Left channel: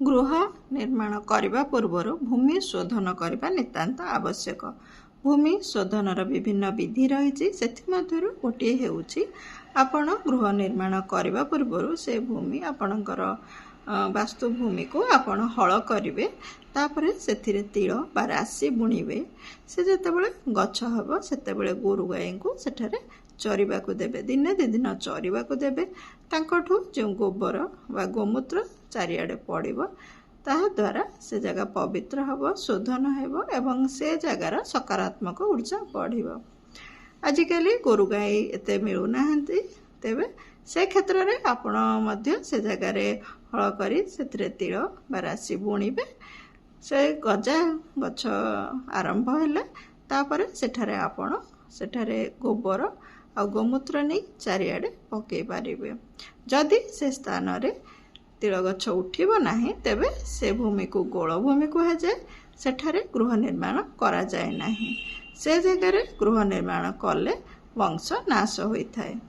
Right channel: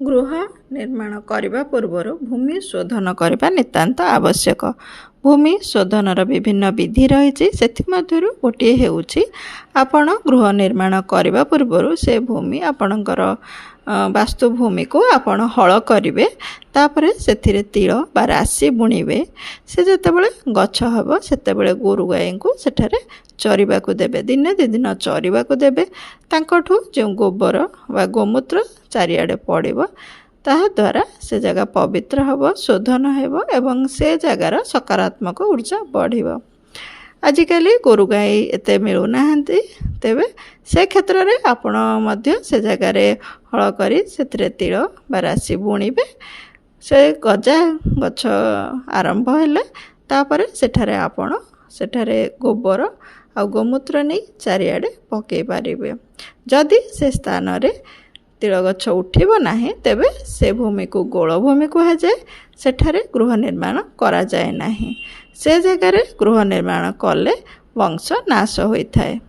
गृह निर्माण करने पूर्व भूमि शोधन करने नितांत आवश्यक। भूमि शोधनर विभिन्न विधि रही से गोटे होउछि आपण गृह निर्माण करने पूर्व से भूमि आपणकर वास्तुभूमि को आपण हल करेंगे तापर से तिल बा राशि बुणवे से जितेबाला गछ हम से गोरु गाई को सेठारे चरवा को देवे दिने दि दिन चरवा को देवे तांकठू जो गोबर बा गोमूत्र चारिआडे पड़ो ताद्वारा से जगह पवित्र हम शोधन हो एवं से जगार सकारात्मक ऊर्जा बढ़। आजिकल गोरु गाई एते मिलूना तेबे से क्षेत्र में आपण से जगार हल करी से तिल बा राशि बुणवे से गजा गछ आरंभ हेले तापर सेठारे आपण सेठारे गोबर आ गोमूत्र नहीं चारिआडे पकई पारे। जदि से स्थान रे तिल गछ उठिब नाही तेबे से भूमि को गोल भूमि कह जाए सेठारे गृह निर्माण करा जाए नाही। से जगार गृह निर्माण कले वंश नाश होता है।